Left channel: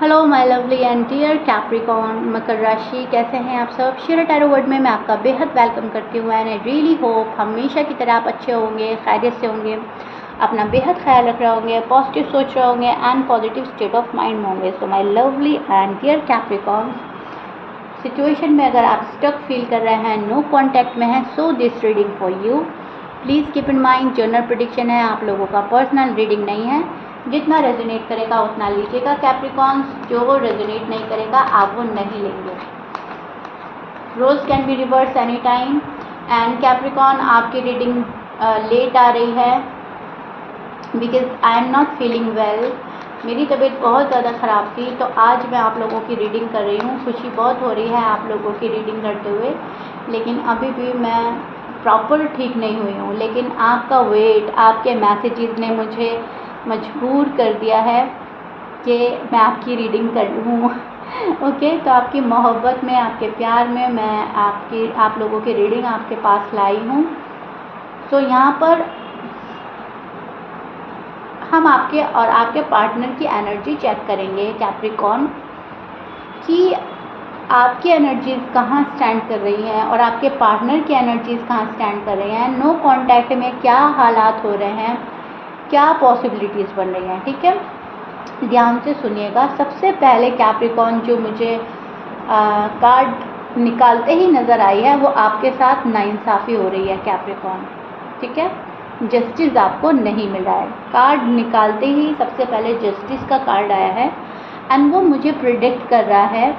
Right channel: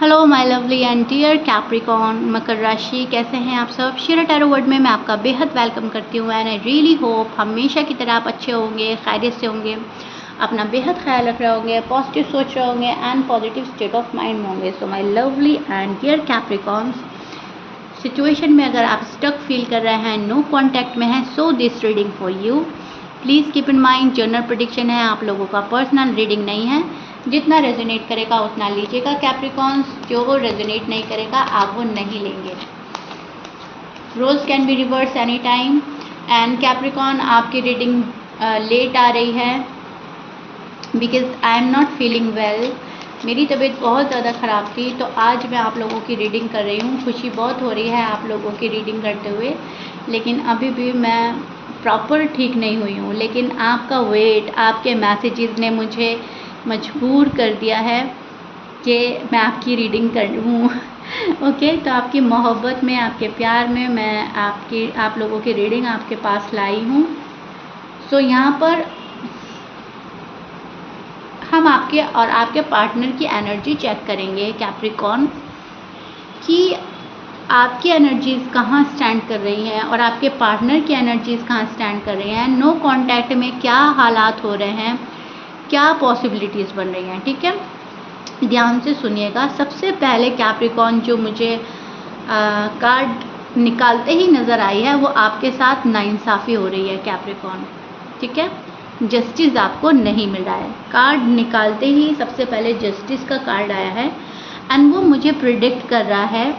Hello my lovely and dear Capricorn मकर राशि, कैसे हैं आप सब। शेयर टैरो वर्ड में मैं आपका बेहद वेलकम करती हूँ एंड आई रियली होप हमेशा की तरह आप अच्छे होंगे, खैरियत से होंगे, अपना बेहद ख्याल रख रहे होंगे, पॉजिटिव सोच रहे होंगे and positive state of mind होंगे। So my lovely and dear Capricorns, situation में अगर आप स्टक फील कर रहे हैं, नो कॉन्टैक्ट में हैं, so this reading for you. Please keep in mind general prediction है, आप लोगों का पर्सनल रीडिंग नहीं है। जितना रेजोनेट करेगा उतना लीजिएगा कैप्रिकॉन्स, जो रेजोनेट नहीं करेगा आप वो नहीं लेंगे। Rose can be reverse any time and Capricorn आपकी रीडिंग लेट आ रही है because I am not feeling well. मेरी तबीयत बहुत ज़्यादा ख़राब थी, तो आज मैं आप लोगों की रीडिंग कर रही हूँ। खुशी बहुत हो रही है आप लोगों की रीडिंग करते हुए, लेकिन अभी भी मैं प्रॉपर ठीक नहीं हुई हूँ। लेकिन आपका वेट, आपके मैसेजेस ने मुझे मजबूर कर दिया है कि मैं आपकी रीडिंग कर लूँ। ओके, तो आपकी मोहब्बत में, आपके प्यार में मैं आप लोगों की रीडिंग आपके पास लाई हूँ। सो यहाँ पर हम आपके और आपके पार्टनर की एनर्जी चेक करेंगे कैप्रिकॉन, कि आपकी एनर्जीज़ कहाँ स्टैंड कर रही हैं और आपके पार्टनर की एनर्जीज़ कहाँ स्टैंड कर रही हैं। नो कॉन्टैक्ट में क्या हालात हो रहे हैं, क्या पॉसिबिलिटीज़ बन रही हैं। ठीक है, ध्यान से सुनिएगा। सबसे पहले कैप्रिकॉन जो मुझे कार्ड निकालते ही नज़र आई है, वो आपके साथ नाइंसाफ़ी हो रही है कैप्रिकॉन। ठीक है, जस्टिस आपको नहीं मिल रहा है। कार्ड निकालते ही सबसे पहले जस्टिस का कार्ड आया है एंड वो मुझे प्रिडिक्ट कर रहा है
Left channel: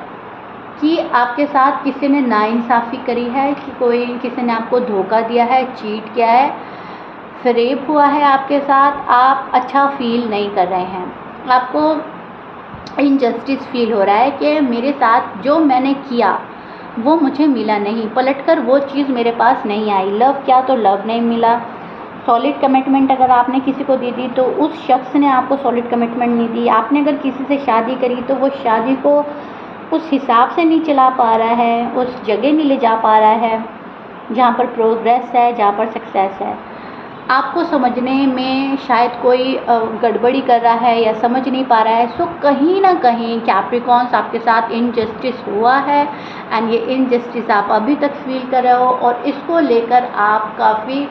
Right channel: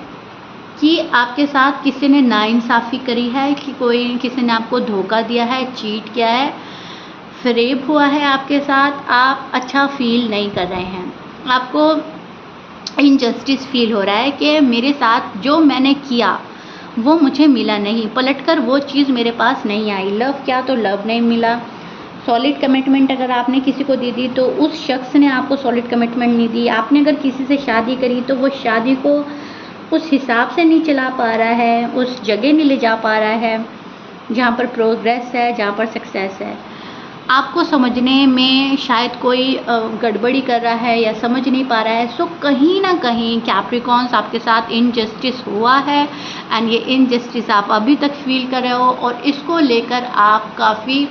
कि आपके साथ किसी ने नाइंसाफ़ी करी है, कि किसी ने आपको धोखा दिया है, चीट किया है, फ्रेब हुआ है आपके साथ। आप अच्छा फील नहीं कर रहे हैं, आपको इनजस्टिस फील हो रहा है कि मेरे साथ जो मैंने किया वो मुझे मिला नहीं, पलटकर वो चीज़ मेरे पास नहीं आई। लव क्या, तो लव नहीं मिला। सॉलिड कमिटमेंट अगर आपने किसी को दी तो उस शख्स ने आपको सॉलिड कमिटमेंट नहीं दी। आपने अगर किसी से शादी करी तो वो शादी को उस हिसाब से नहीं चला पा रहा है, उस जगह नहीं ले जा पा रहा है जहाँ पर प्रोग्रेस है, जहाँ पर सक्सेस है। आपको समझने में शायद कोई गड़बड़ी कर रहा है या समझ नहीं पा रहा है। सो कहीं ना कहीं कैप्रिकॉन्स आपके साथ इनजस्टिस हुआ है एंड ये इनजस्टिस आप अभी तक फील कर रहे हो और इसको लेकर आप काफ़ी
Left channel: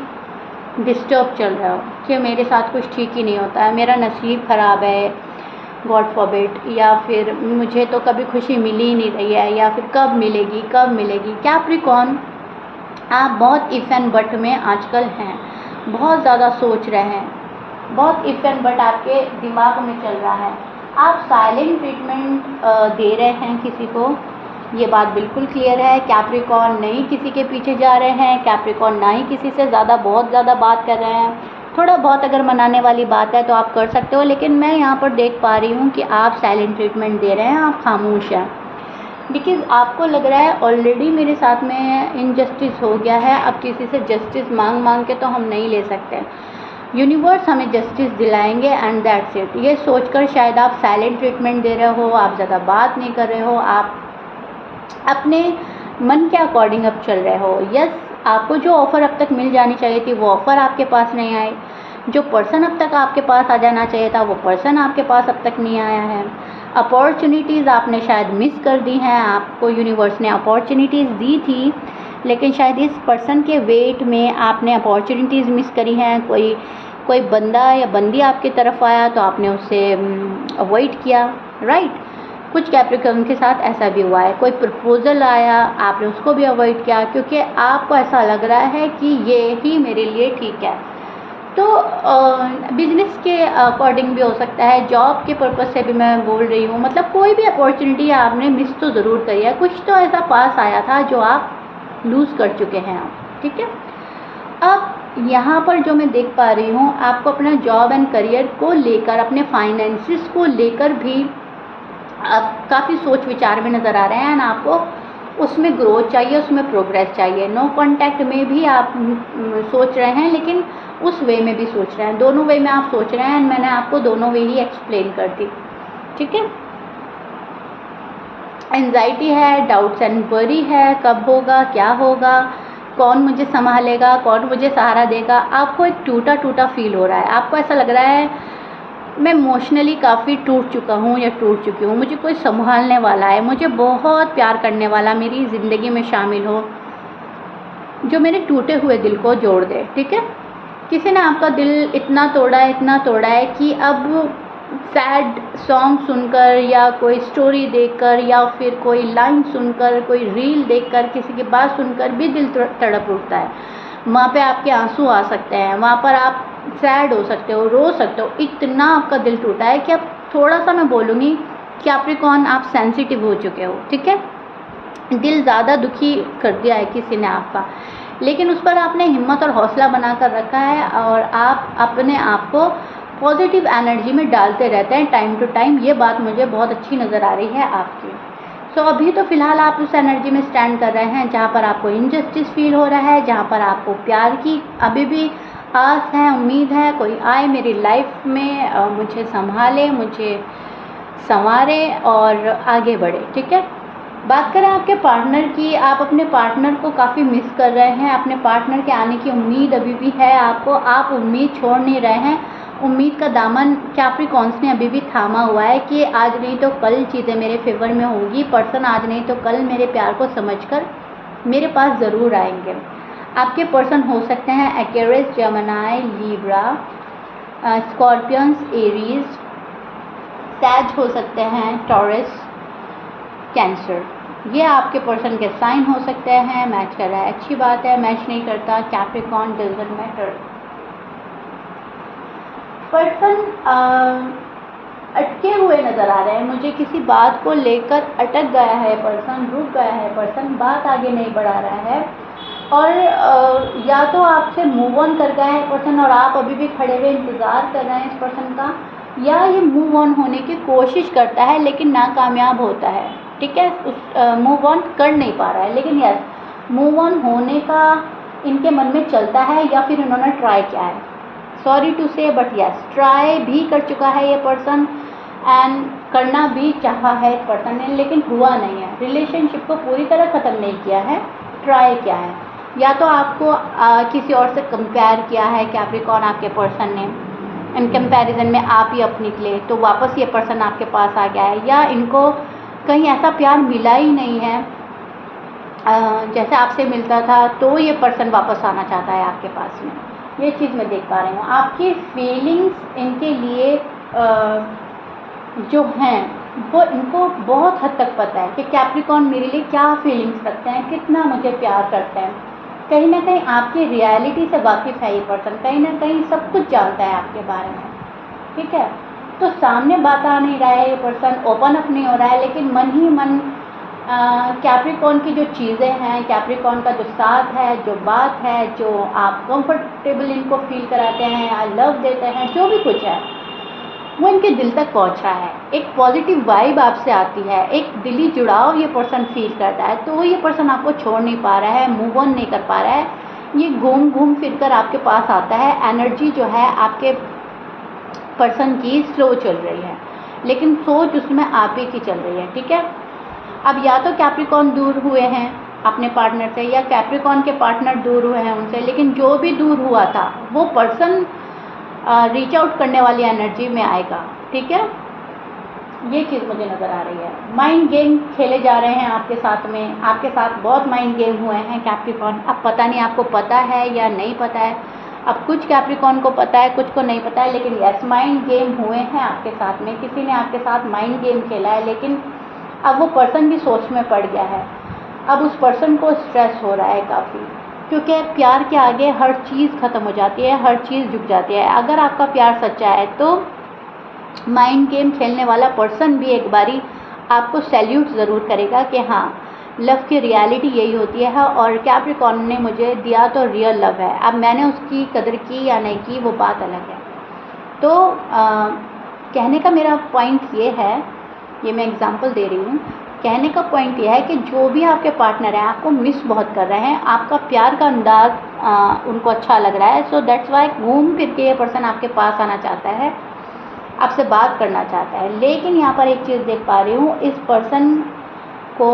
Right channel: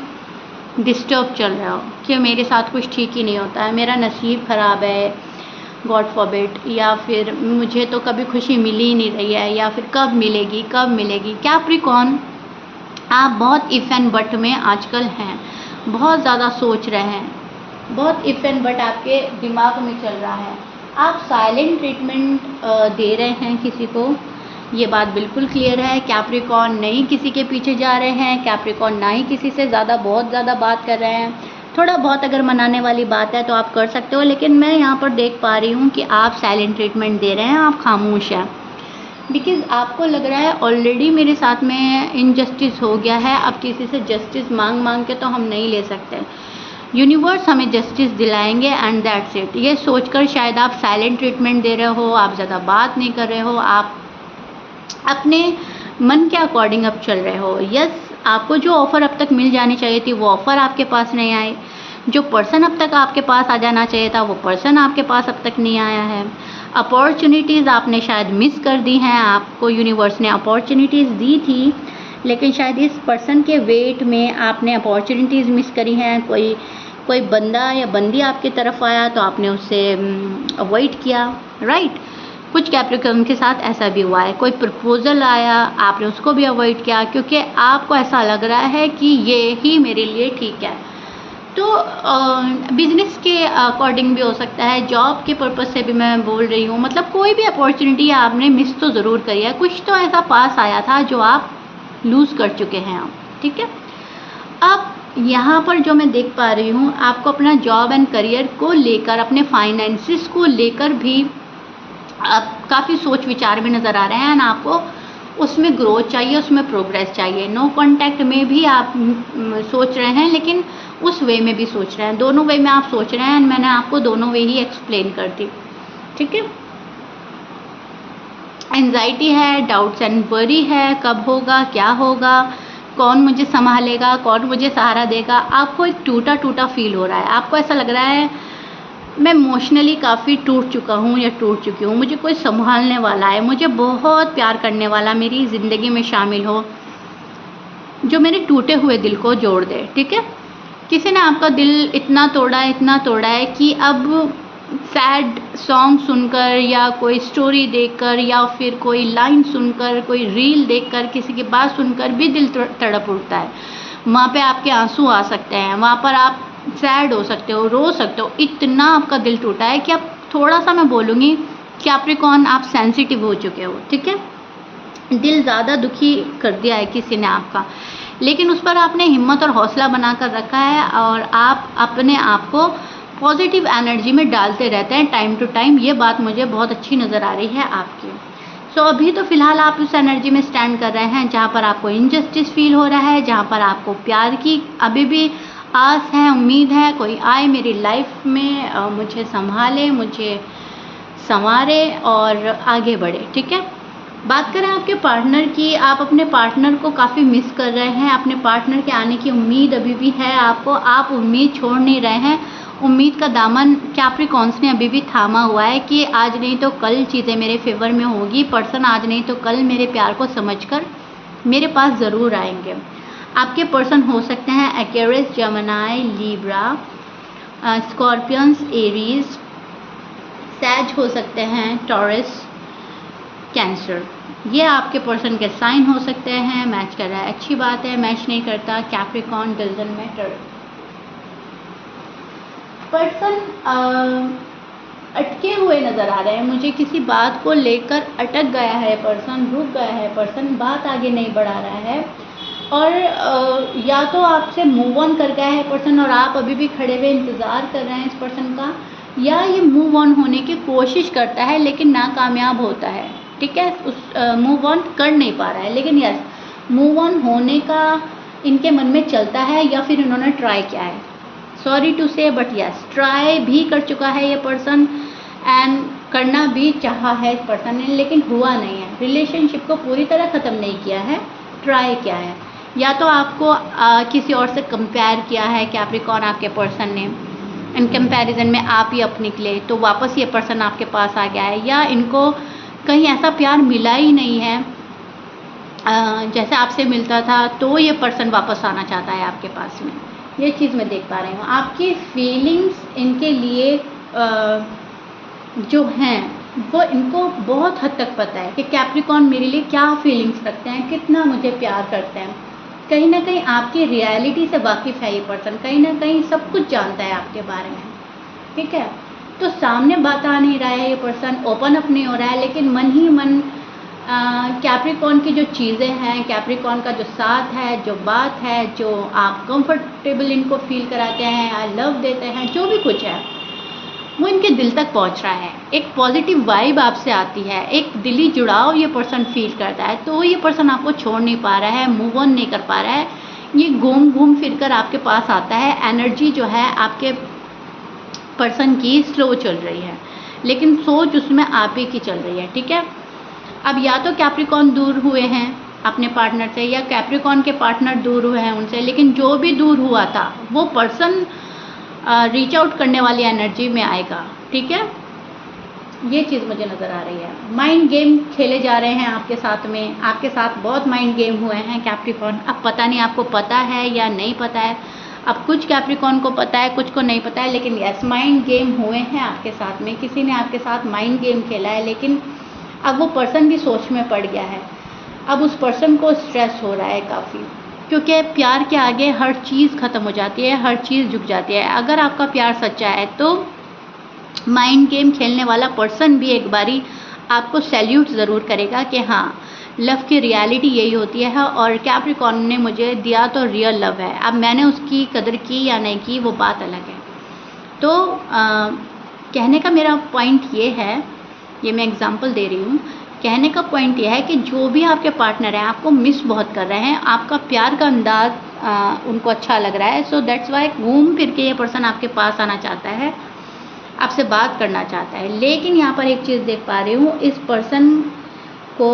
डिस्टर्ब चल रहे हो कि मेरे साथ कुछ ठीक ही नहीं होता है, मेरा नसीब ख़राब है, गॉड फॉरबिड, या फिर मुझे तो कभी खुशी मिली ही नहीं रही है, या फिर कब मिलेगी कब मिलेगी। कैप्रिकॉन, आप बहुत इफ़ एंड बट में आजकल हैं, बहुत ज़्यादा सोच रहे हैं, बहुत इफ़ एंड बट आपके दिमाग में चल रहा है। आप साइलेंट ट्रीटमेंट दे रहे हैं किसी को, ये बात बिल्कुल क्लियर है। कैप्रिकॉन नहीं किसी के पीछे जा रहे हैं, कैप्रिकॉन ना ही किसी से बहुत ज़्यादा बात कर रहे हैं। थोड़ा बहुत अगर मनाने वाली बात है तो आप कर सकते हो, लेकिन मैं यहाँ पर देख पा रही हूँ कि आप साइलेंट ट्रीटमेंट दे रहे हैं, आप खामोश हैं। बिकॉज़ आपको लग रहा है ऑलरेडी मेरे साथ में इनजस्टिस हो गया है, अब किसी से जस्टिस मांग के तो हम नहीं ले सकते। यूनिवर्स हमें जस्टिस दिलाएंगे एंड दैट्स इट। ये सोचकर शायद आप साइलेंट ट्रीटमेंट दे रहे हो, आप ज़्यादा बात नहीं कर रहे हो, आप अपने मन के अकॉर्डिंग अब चल रहे हो। यस, आपको जो ऑफ़र अब तक मिल जानी चाहिए थी वो ऑफ़र आपके पास नहीं आई। जो पर्सन अब तक आपके पास आ जाना चाहिए था वो पर्सन आपके पास अब तक नहीं आया है। अपॉर्चुनिटीज़ आपने शायद मिस कर दी हैं, आपको यूनिवर्स ने अपॉर्चुनिटीज़ दी थी, लेकिन शायद इस पर्सन के वेट में आपने अपॉर्चुनिटीज़ मिस करी हैं। कोई बंदा या बंदी आपकी तरफ आया तो आपने उसे अवॉइड किया, राइट। कुछ कैप्रिकॉन के साथ ऐसा भी हुआ है। कोई प्रपोज़ल आया, आपने उसको भी अवॉइड किया क्योंकि आपको ऐसा लग रहा है कि ये ही मेरे लिए ठीक है। तो बिजनेस के अकॉर्डिंग भी हो सकता है, जॉब के पर्पज़ से भी मैं बोल रही हूँ। मतलब कोई भी अपॉर्चुनिटी आपने मिस तो ज़रूर करी है, कुछ तो ऐसा पास आया था जो आप लूज़ कर चुके हैं। ठीक है, अब यहाँ पर जो मैं देख पा रही हूँ, आपको अपना जॉब एंड करियर को लेकर, अपने फाइनेंसिस को लेकर भी आप काफ़ी सोच विचार में नज़र आ रहे हैं एंड आपको उसमें ग्रोथ चाहिए, उसमें प्रोग्रेस चाहिए। नो कॉन्टैक्ट में भी आप सोच रहे हैं, लेकिन उस वे में भी सोच रहे हैं, दोनों वे में आप सोच रहे हैं। मैंने आपको दोनों वे ही एक्सप्लेन कर दी। ठीक है, एंजाइटी है, डाउट्स एंड वरी है, कब होगा, क्या होगा, कौन मुझे संभालेगा, कौन मुझे सहारा देगा। आपको एक टूटा टूटा फील हो रहा है, आपको ऐसा लग रहा है मैं इमोशनली काफ़ी टूट चुका हूँ या टूट चुकी हूँ, मुझे कोई संभालने वाला है, मुझे बहुत प्यार करने वाला मेरी ज़िंदगी में शामिल हो, जो मेरे टूटे हुए दिल को जोड़ दे। ठीक है, किसी ने आपका दिल इतना तोड़ा है कि अब सैड सॉन्ग सुनकर या कोई स्टोरी देखकर या फिर कोई लाइन सुनकर, कोई रील देखकर, किसी की बात सुनकर भी दिल तड़प उठता है। वहाँ पे आपके आंसू आ सकते हैं, वहाँ पर आप सैड हो सकते हो, रो सकते हो, इतना आपका दिल टूटा है कि अब थोड़ा सा मैं बोलूँगी कैप्रिकॉर्न आप सेंसिटिव हो चुके हो। ठीक है, दिल ज़्यादा दुखी कर दिया है किसी ने आपका, लेकिन उस पर आपने हिम्मत और हौसला बना कर रखा है और आप अपने आप को पॉजिटिव एनर्जी में डालते रहते हैं टाइम टू टाइम। ये बात मुझे बहुत अच्छी नज़र आ रही है आपकी। सो अभी तो फ़िलहाल आप उस एनर्जी में स्टैंड कर रहे हैं जहाँ पर आपको इनजस्टिस फील हो रहा है, जहाँ पर आपको प्यार की अभी भी आस है, उम्मीद है, कोई आए मेरी लाइफ में, मुझे संभाले, मुझे संवारे और आगे बढ़े। ठीक है, बात करें आपके पार्टनर की, आप अपने पार्टनर को काफ़ी मिस कर रहे हैं, अपने पार्टनर के आने की उम्मीद अभी भी है आपको, आप उम्मीद छोड़ नहीं रहे हैं। उम्मीद का दामन कैप्रिकॉर्न्स ने अभी भी थामा हुआ है कि आज नहीं तो कल चीज़ें मेरे फेवर में होगी, पर्सन आज नहीं तो कल मेरे प्यार को समझकर मेरे पास ज़रूर आएंगे। आपके पर्सन हो सकते हैं Aquarius, Gemini, Libra, Scorpions, Aries, Sag हो सकते हैं, टॉरस, कैंसर। ये आपके पर्सन के साइन हो सकते हैं। मैच कर रहा है, अच्छी बात है, मैच नहीं करता, कैप्रिकॉर्न डजंट मैटर। पर्सन अटके हुए नज़र आ रहे हैं मुझे, किसी बात को लेकर अटक गया है पर्सन, रुक गया है पर्सन, बात आगे नहीं बढ़ा रहा है और या तो आपसे मूव ऑन कर गया है पर्सन और आप अभी भी खड़े हुए इंतज़ार कर रहे हैं इस पर्सन का, या ये मूव ऑन होने की कोशिश करता है लेकिन नाकामयाब होता है। ठीक है, उस मूव ऑन कर नहीं पा रहा है, लेकिन यस मूव ऑन होने का इनके मन में चलता है या फिर इन्होंने ट्राई किया है। सॉरी टू से बट यस ट्राई भी कर चुका है ये पर्सन एंड करना भी चाहा है इस पर्सन ने, लेकिन हुआ नहीं है। रिलेशनशिप को पूरी तरह ख़त्म नहीं किया है, ट्राई किया है, या तो आपको किसी और से कंपेयर किया है कैप्रिकॉर्न आपके पर्सन ने, इन कंपैरिजन में आप ही अपने निकले तो वापस ये पर्सन आपके पास आ गया है, या इनको कहीं ऐसा प्यार मिला ही नहीं है जैसे आपसे मिलता था, तो ये पर्सन वापस आना चाहता है आपके पास में। ये चीज़ मैं देख पा रही हूँ। आपकी फीलिंग्स इनके लिए जो हैं वो इनको बहुत हद तक पता है कि कैप्रिकॉर्न मेरे लिए क्या फीलिंग्स रखते हैं, कितना मुझे प्यार करते हैं। कहीं ना कहीं आपकी रियलिटी से वाकिफ़ है ये पर्सन, कहीं ना कहीं सब कुछ जानता है आपके बारे में। ठीक है, तो सामने बात आ नहीं रहा है ये पर्सन, ओपन अप नहीं हो रहा है, लेकिन मन ही मन कैप्रिकॉर्न की जो चीज़ें हैं, कैप्रिकॉर्न का जो साथ है, जो बात है, जो आप कंफर्टेबल इनको फील कराते हैं, आई लव देते हैं, जो भी कुछ है वो इनके दिल तक पहुंच रहा है। एक पॉजिटिव वाइब आपसे आती है, एक दिली जुड़ाव ये पर्सन फील करता है, तो ये पर्सन आपको छोड़ नहीं पा रहा है, मूव ऑन नहीं कर पा रहा है, ये घूम घूम फिर कर आपके पास आता है। एनर्जी जो है आपके पर्सन की स्लो चल रही है, लेकिन सोच उसमें आप ही की चल रही है। ठीक है, अब या तो कैप्रिकॉर्न दूर हुए हैं अपने पार्टनर से, या कैप्रिकॉर्न के पार्टनर दूर हुए हैं उनसे, लेकिन जो भी दूर हुआ था वो पर्सन रीच आउट करने वाली एनर्जी में आएगा। ठीक है, ये चीज़ मुझे नज़र आ रही है। माइंड गेम खेले जा रहे हैं आपके साथ में, आपके साथ बहुत माइंड गेम हुए हैं कैप्रिकॉर्न। अब पता नहीं आपको पता है या नहीं पता है, अब कुछ कैप्रिकॉर्न को पता है, कुछ को नहीं पता है, लेकिन यस माइंड गेम हुए हैं आपके साथ में, किसी ने आपके साथ माइंड गेम खेला है, लेकिन अब वो पर्सन भी सोच में पड़ गया है। अब उस पर्सन को स्ट्रेस हो रहा है काफ़ी, क्योंकि प्यार के आगे हर चीज़ ख़त्म हो जाती है, हर चीज़ झुक जाती है। अगर आपका प्यार सच्चा है तो माइंड गेम खेलने वाला पर्सन भी एक बारी आपको सैल्यूट ज़रूर करेगा कि हाँ लव की रियलिटी यही होती है, और कैप्रिकॉर्न ने मुझे दिया तो रियल लव है, अब मैंने उसकी कदर की या नहीं की वो बात अलग है। तो कहने का मेरा पॉइंट ये है, ये मैं एग्जांपल दे रही हूँ, कहने का पॉइंट ये है कि जो भी आपके पार्टनर हैं आपको मिस बहुत कर रहे हैं, आपका प्यार का अंदाज उनको अच्छा लग रहा है, सो दैट्स वाई घूम फिर के ये पर्सन आपके पास आना चाहता है, आपसे बात करना चाहता है। लेकिन यहाँ पर एक चीज़ देख पा रही हूँ, इस पर्सन को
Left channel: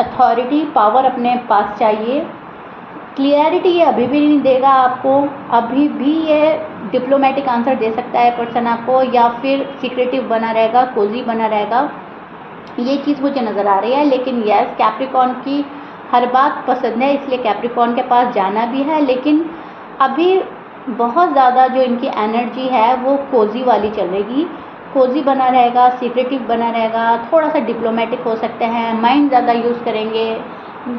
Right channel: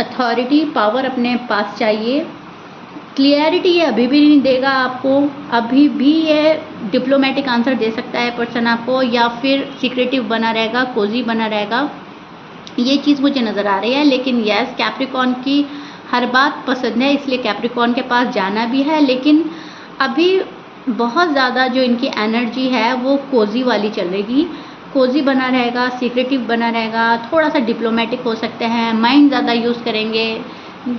अथॉरिटी पावर अपने पास चाहिए, क्लियरिटी ये अभी भी नहीं देगा आपको, अभी भी ये डिप्लोमेटिक आंसर दे सकता है पर्सन आपको, या फिर सीक्रेटिव बना रहेगा, कोजी बना रहेगा, ये चीज़ मुझे नज़र आ रही है। लेकिन यस, कैप्रिकॉर्न की हर बात पसंद है, इसलिए कैप्रिकॉर्न के पास जाना भी है। लेकिन अभी बहुत ज़्यादा जो इनकी एनर्जी है वो कोजी वाली चलेगी, कोजी बना रहेगा, सीक्रेटिव बना रहेगा, थोड़ा सा डिप्लोमेटिक हो सकते हैं, माइंड ज़्यादा यूज़ करेंगे,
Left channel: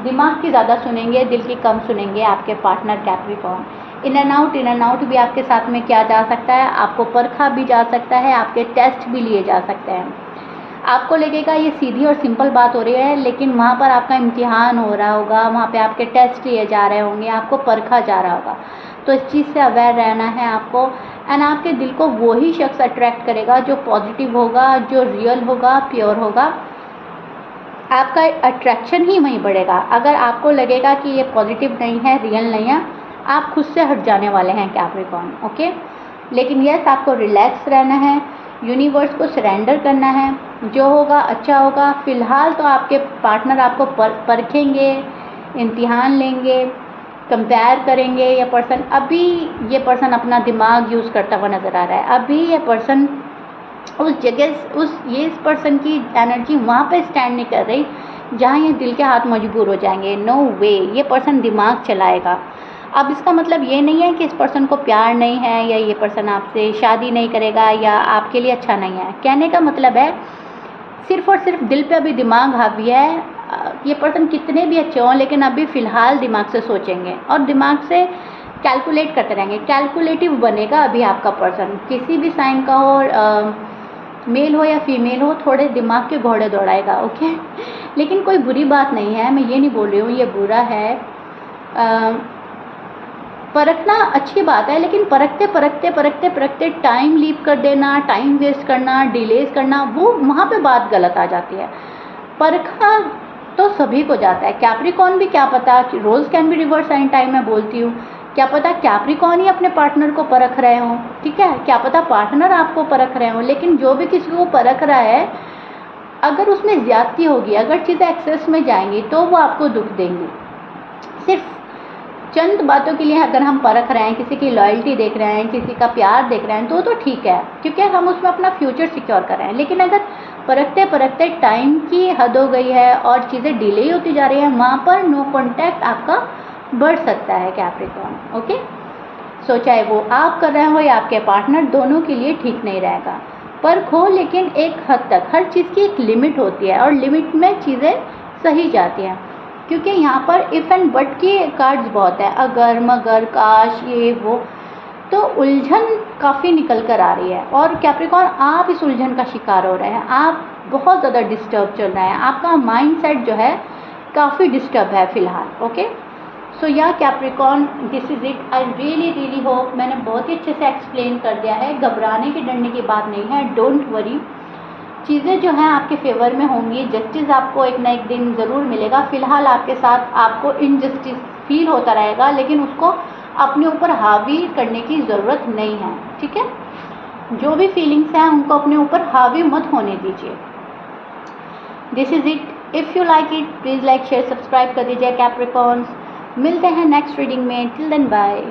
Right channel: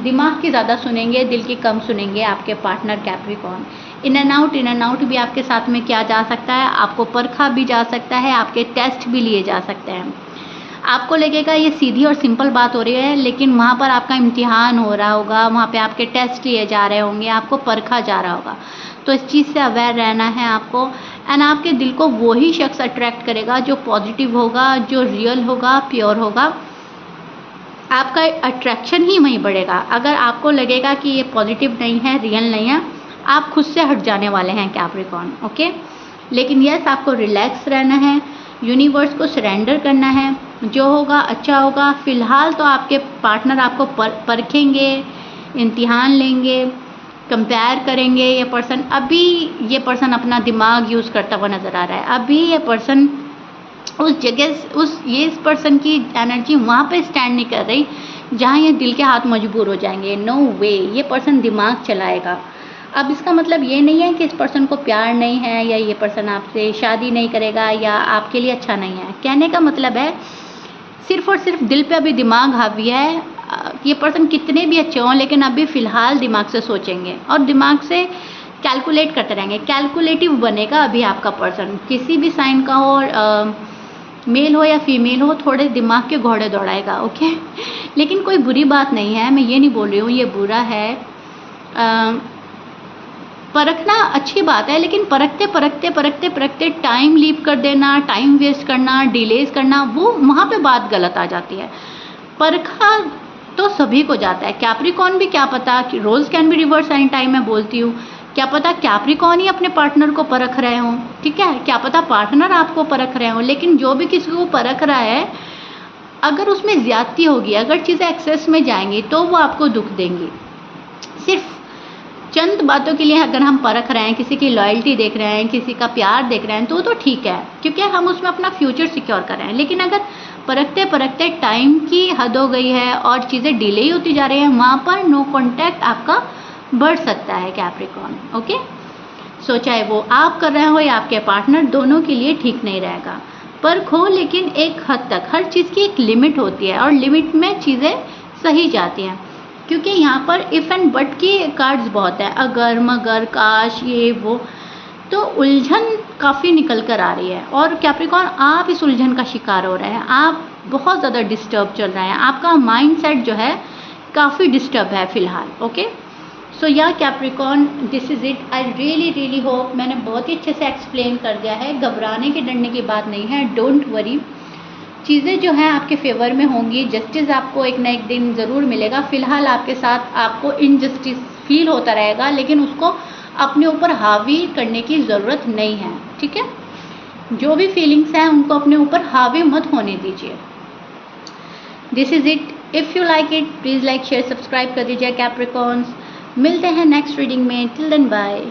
दिमाग की ज़्यादा सुनेंगे, दिल की कम सुनेंगे आपके partner Capricorn. In and out भी आपके साथ में किया जा सकता है, आपको परखा भी जा सकता है, आपके टेस्ट भी लिए जा सकते हैं। आपको लगेगा ये सीधी और सिंपल बात हो रही है, लेकिन वहाँ पर आपका इम्तिहान हो रहा होगा, वहाँ पे आपके टेस्ट लिए जा रहे होंगे, आपको परखा जा रहा होगा। तो इस चीज़ से अवेयर रहना है आपको। एंड आपके दिल को वही शख्स अट्रैक्ट करेगा जो पॉजिटिव होगा, जो रियल होगा, प्योर होगा। आपका अट्रैक्शन ही वहीं बढ़ेगा। अगर आपको लगेगा कि ये पॉजिटिव नहीं है, रियल नहीं है, आप खुद से हट जाने वाले हैं कैप्रिकॉर्न। ओके, लेकिन यस, आपको रिलैक्स रहना है, यूनिवर्स को सरेंडर करना है, जो होगा अच्छा होगा। फ़िलहाल तो आपके पार्टनर आपको परखेंगे, इम्तिहान लेंगे, कंपेयर करेंगे। ये पर्सन अभी, ये पर्सन अपना दिमाग यूज़ करता हुआ नज़र आ रहा है। अभी ये पर्सन उस जगह, इस पर्सन की एनर्जी वहाँ पे स्टैंड नहीं कर रही जहाँ ये दिल के हाथ मजबूर हो जाएंगे। नो वे, ये पर्सन दिमाग चलाएगा। अब इसका मतलब ये नहीं है कि इस पर्सन को प्यार नहीं है, या ये पर्सन आपसे शादी नहीं करेगा, या आपके लिए अच्छा नहीं है। कहने का मतलब है सिर्फ़ और सिर्फ दिल पे अभी दिमाग हावी है। ये पर्सन कितने भी अच्छे हों, लेकिन अभी फ़िलहाल दिमाग से सोचेंगे और दिमाग से कैलकुलेट करते रहेंगे। कैलकुलेटिव बनेगा अभी आपका पर्सन, किसी भी साइन का हो, मेल हो या फीमेल हो, थोड़े दिमाग के घोड़े दौड़ाएगा। ओके, लेकिन कोई बुरी बात नहीं है, मैं ये नहीं बोल रही हूँ ये बुरा है। परखना अच्छी बात है, लेकिन परखते टाइम लीप कर देना, टाइम वेस्ट करना, डिलेज करना, वो वहाँ पे बात गलत आ जाती है। परखा तो सभी को जाता है। कैप्रिकॉर्न भी, क्या पता कि roles can be reverse any time, मैं बोलती हूँ, क्या पता कैप्रिकॉर्न ही अपने पार्टनर को परख रहे हों, ठीक है, क्या पता पार्टनर आपको परख रहे हों। लेकिन जो भी किसी को परख रहा है, अगर उसमें ज़्यादती होगी, अगर चीज़ें एक्सेस में जाएंगी, तो वो आपको दुख देंगी। सिर्फ चंद बातों के लिए अगर हम परख रहे हैं, किसी की लॉयल्टी देख रहे हैं, किसी का प्यार देख रहे हैं, तो ठीक है, क्योंकि हम उसमें अपना फ्यूचर सिक्योर कर रहे हैं। लेकिन अगर परखते टाइम की हद हो गई है और चीज़ें डिले होती जा रही हैं, वहाँ पर नो कॉन्टैक्ट आपका बढ़ सकता है कैप्रिकॉर्न। ओके, सो चाहे वो आप कर रहे हो या आपके पार्टनर, दोनों के लिए ठीक नहीं रहेगा। परखो, लेकिन एक हद तक। हर चीज़ की एक लिमिट होती है और लिमिट में चीज़ें सही जाती हैं, क्योंकि यहाँ पर इफ़ एंड बट की कार्ड्स बहुत हैं, अगर मगर काश ये वो, तो उलझन काफ़ी निकल कर आ रही है। और कैप्रिकॉर्न, आप इस उलझन का शिकार हो रहे हैं, आप बहुत ज़्यादा डिस्टर्ब चल रहे हैं, आपका माइंडसेट जो है काफ़ी डिस्टर्ब है फ़िलहाल। ओके, सो या Capricorn, this is it. I really hope मैंने बहुत ही अच्छे से एक्सप्लेन कर दिया है। घबराने की, डरने की बात नहीं है, डोंट वरी। चीज़ें जो हैं आपके फेवर में होंगी, जस्टिस आपको एक ना एक दिन ज़रूर मिलेगा। फ़िलहाल आपके साथ आपको इनजस्टिस फील होता रहेगा, लेकिन उसको अपने ऊपर हावी करने की ज़रूरत नहीं है, ठीक है। जो भी फीलिंग्स हैं उनको अपने ऊपर हावी मत होने दीजिए। This is it. If you like it, please like, share, subscribe कर दीजिए कैप्रिकॉर्न्स। मिलते हैं नेक्स्ट रीडिंग में। Till then bye.